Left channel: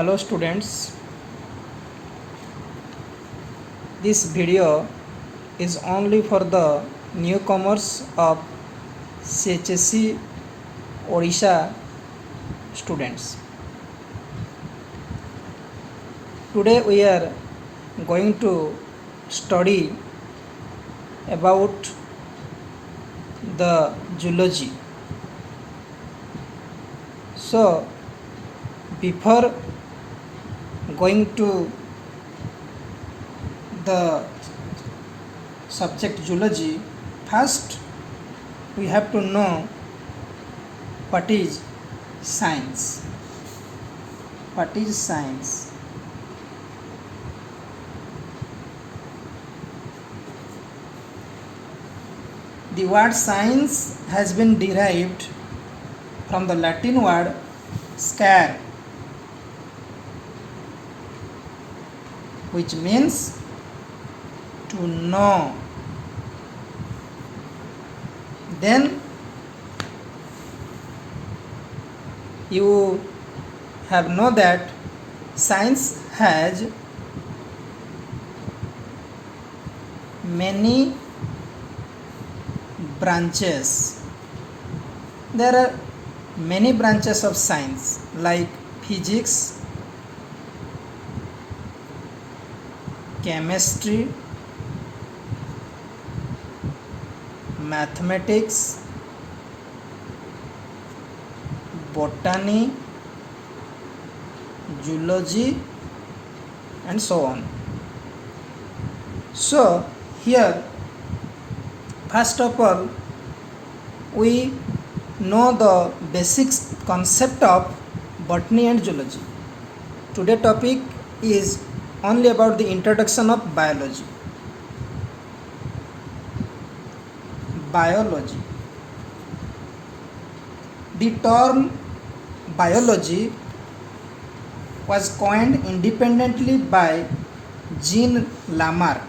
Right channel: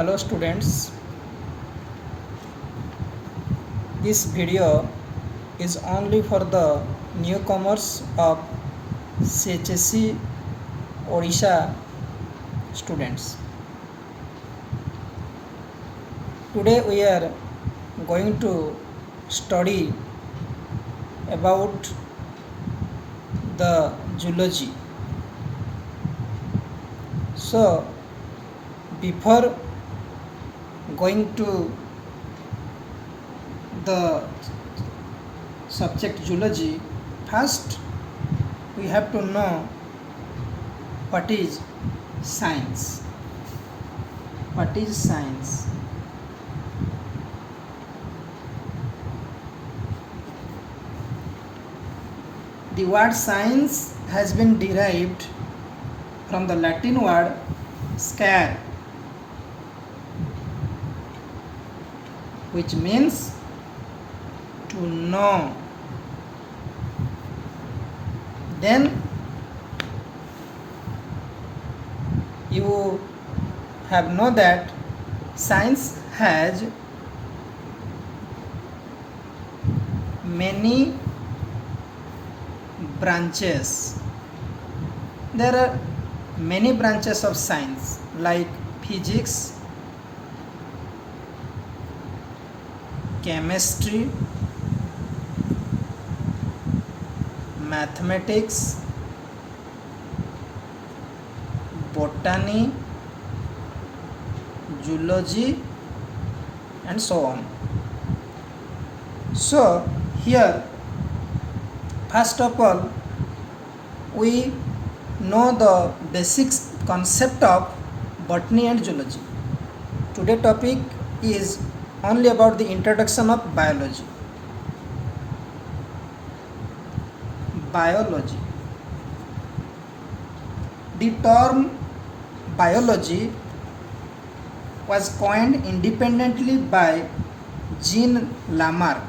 Hello students, this video is only for the newcomers of CHSC Odisha students. Today we are going to study about the zoology. So before going to the subject zoology, first we have to know what is science. What is science? The word science has been derived from the Latin word scare, which means to know. Then you have know that science has many branches. There are many branches of science like physics, chemistry, mathematics, botany, zoology, and so on. So here, first of all, we know the basic concept of botany and zoology. Today's topic is only about the introduction of biology. Biology. The term biology was coined independently by Jean Lamarck.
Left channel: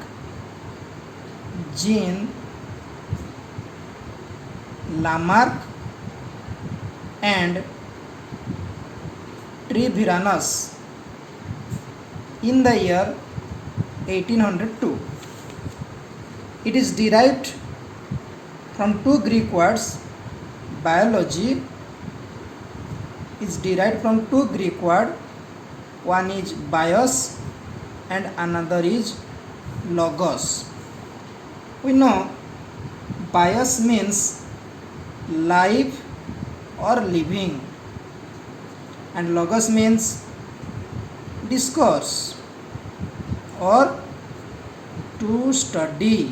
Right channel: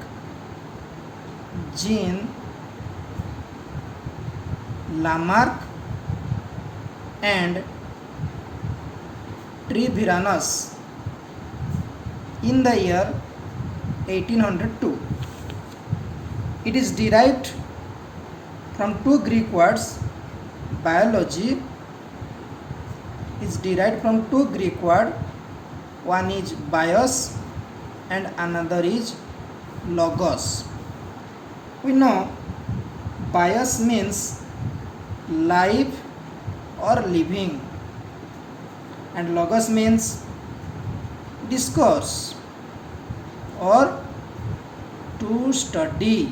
Jean Lamarck and Treviranus in the year 1802. It is derived from two Greek words. Biology is derived from two Greek words. One is bios and another is logos. We know bios means life or living, and logos means discourse or to study.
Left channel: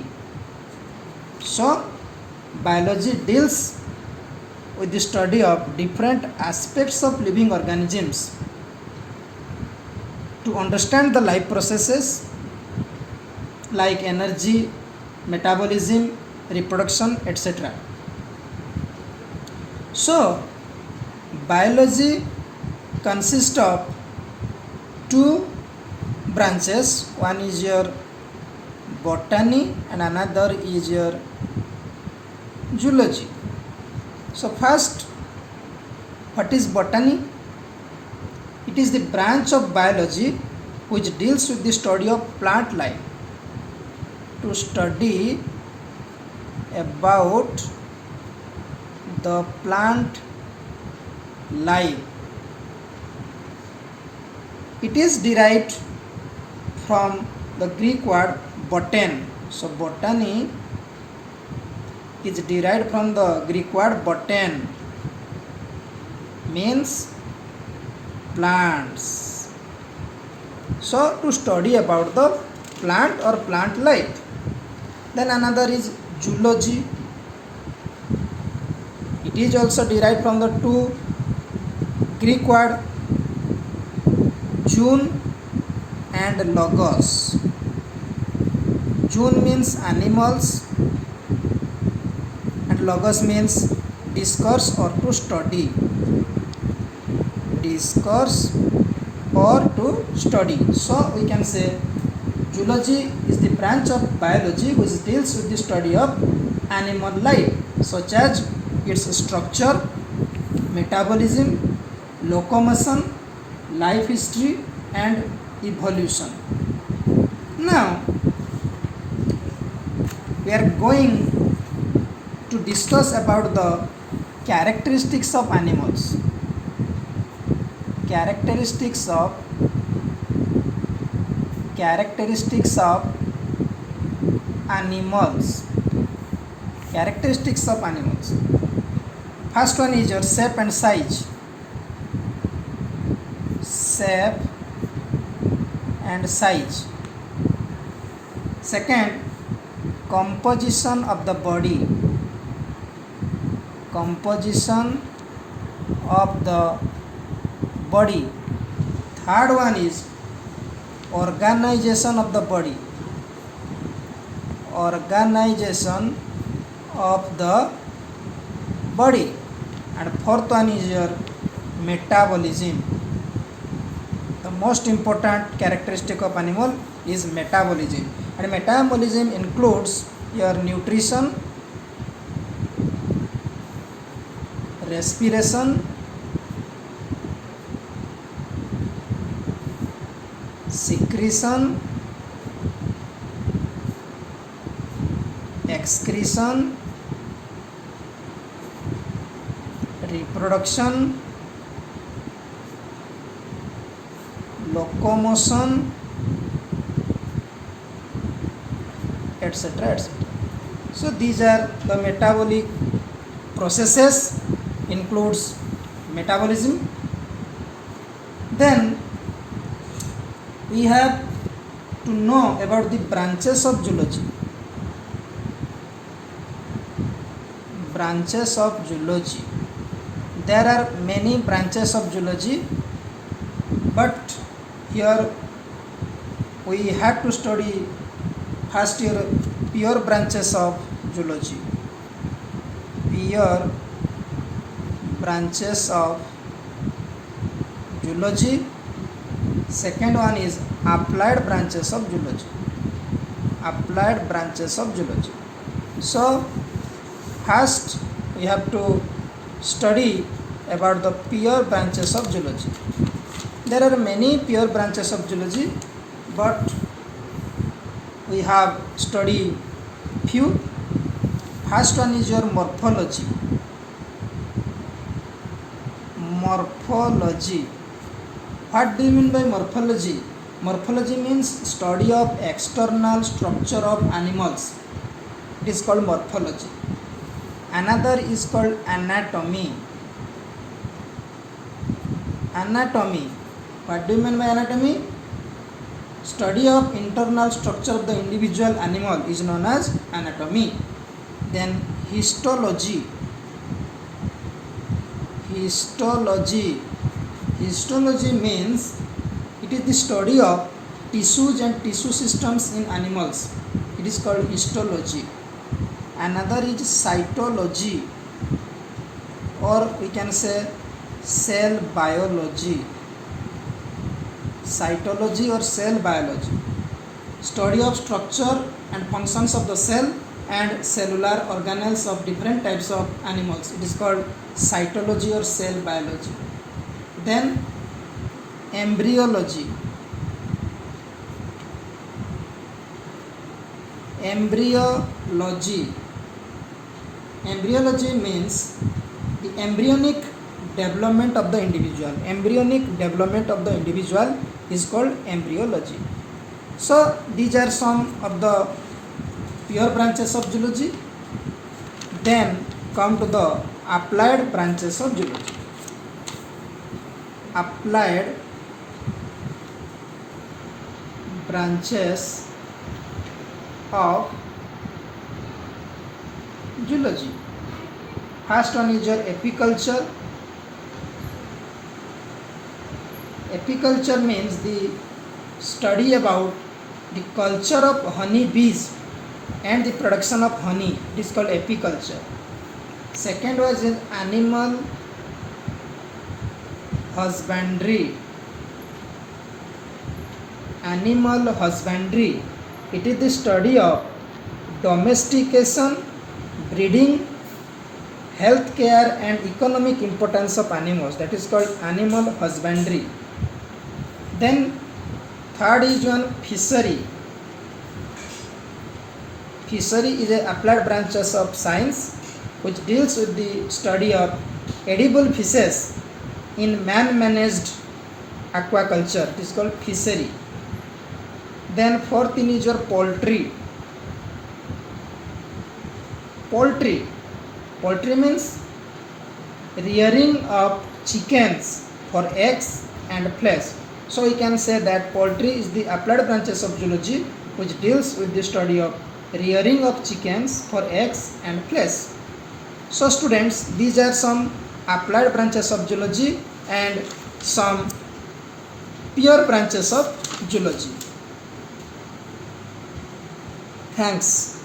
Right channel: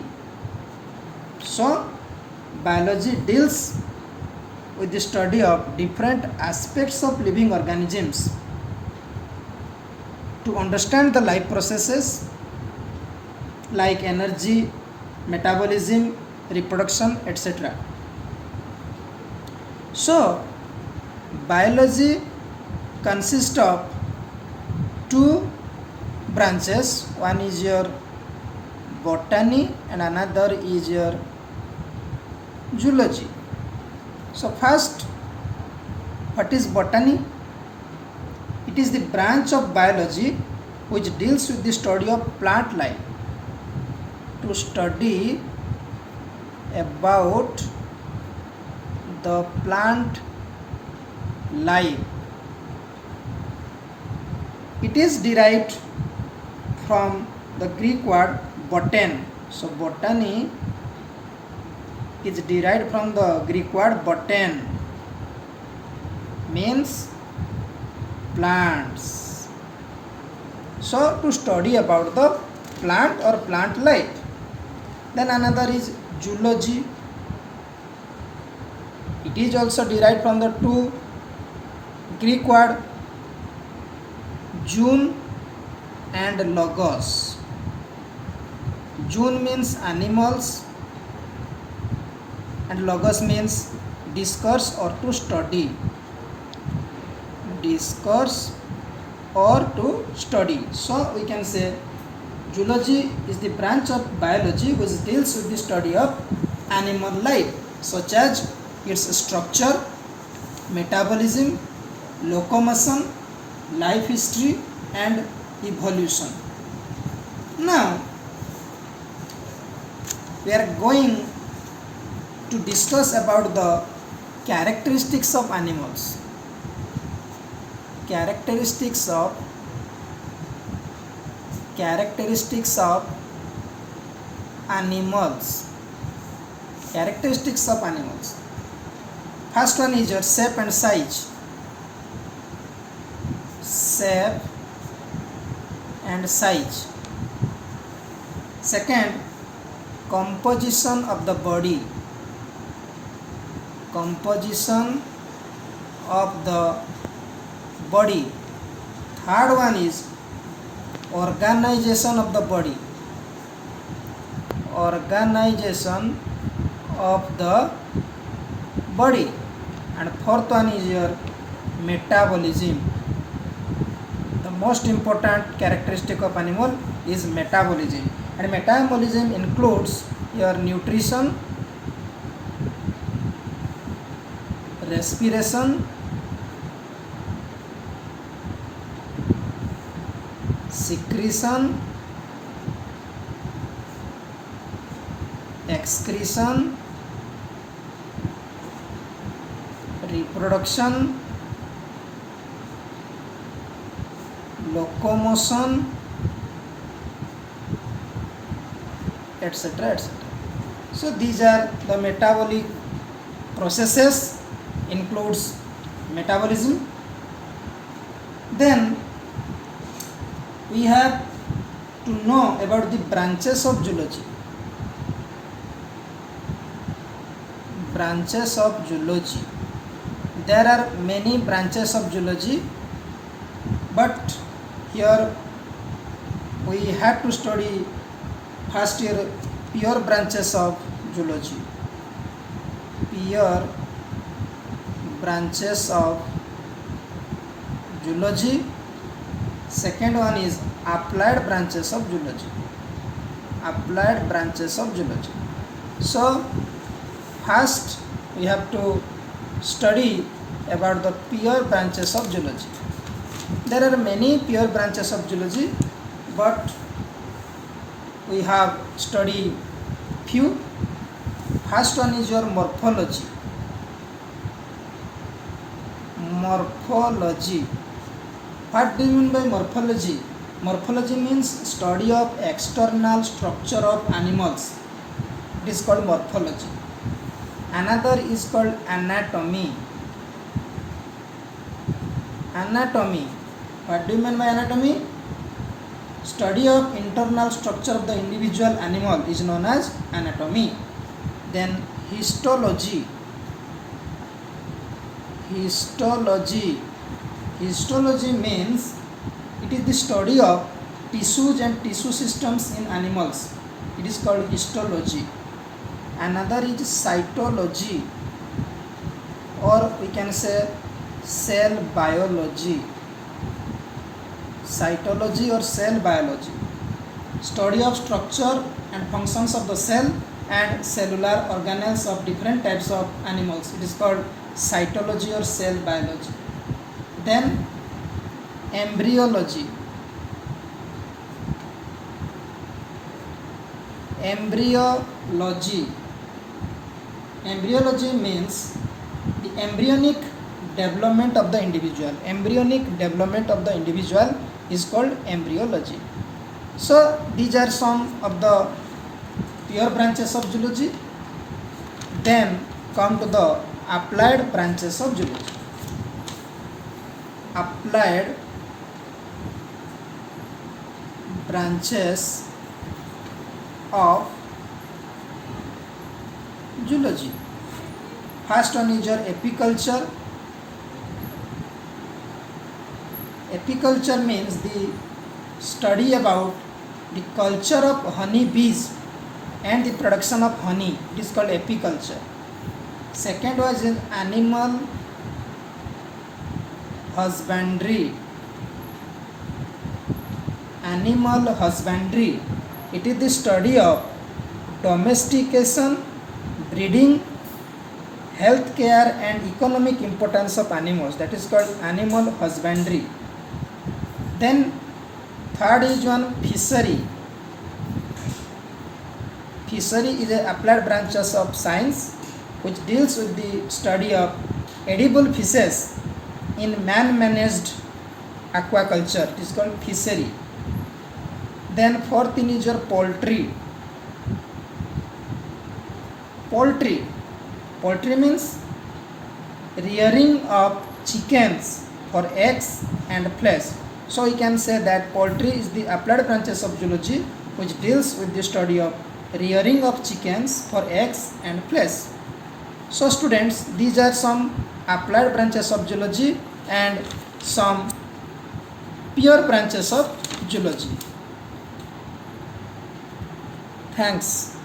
So biology deals with the study of different aspects of living organisms to understand the life processes like energy, metabolism, reproduction, etc. So biology consists of two branches. One is your botany and another is your zoology. So first, what is botany? It is the branch of biology which deals with the study of plant life. To study about the plant life. It is derived from the Greek word botan. So botany is derived from the Greek word botan, means plants. So to study about the plant or plant life. Then another is zoology. It is also derived from the two Greek word zoon and logos. Zoon means animals and logos means discourse or to study. Discourse or to study. So we can say zoology is the branch of biology which deals with the study of animal life, such as its structure, metabolism, locomotion, life history and evolution. Now we are going to discuss about the characteristics of animals. Characteristics of animals. Characteristics of animals. First one is your shape and size. Shape and size. Second, composition of the body. Composition of the body. Third one is organization of the body. Organization of the body. And fourth one is your metabolism. The most important characteristic of animal is metabolism, and metabolism includes your nutrition, respiration, secretion, excretion, reproduction, locomotion, etc., etc. So these are the metabolic processes, includes metabolism. Then we have to know about the branches of zoology. Branches of zoology. There are many branches of zoology, but here we have to study first year pure branches of zoology. Pure branches of zoology. Second one is applied branches of zoology. Applied branches of zoology. So first we have to study about the pure branches of zoology. There are many pure branches of zoology, but we have studied few. First one is your morphology. Morphology. What do you mean by morphology? Morphology means study of external structure of animals. It is called morphology. Another is called anatomy. Anatomy. What do you mean by anatomy? Study of internal structure of the individual animal is known as anatomy. Then histology. Histology. Histology means it is the study of tissues and tissue systems in animals. It is called histology. Another is cytology, or we can say cell biology. Cytology or cell biology. Study of structure and functions of the cell and cellular organelles of different types of animals. It is called cytology or cell biology. Then embryology. Embryology. Embryology means the embryonic development of the individual. Embryonic development of the individual is called embryology. So these are some of the pure branches of zoology. Then come to the applied branches of zoology. Applied branches of zoology. First one is your apiculture. Apiculture means the study about the culture of honey bees and the production of honey. It is called apiculture. Second was in animal husbandry. Animal husbandry. It is the study of domestication, breeding, health care and economic importance of animals. That is called animal husbandry. Then third is one fishery. Fishery is a applied branches of science which deals with the study of edible fishes in man-managed aquaculture. It is called fishery. Then fourth thing is your poultry. Poultry. Poultry means rearing of chickens for eggs and flesh. So we can say that poultry is the applied branches of zoology which deals with the study of rearing of chickens for eggs and flesh. So students, these are some applied branches of zoology and some pure branches of zoology. Thanks.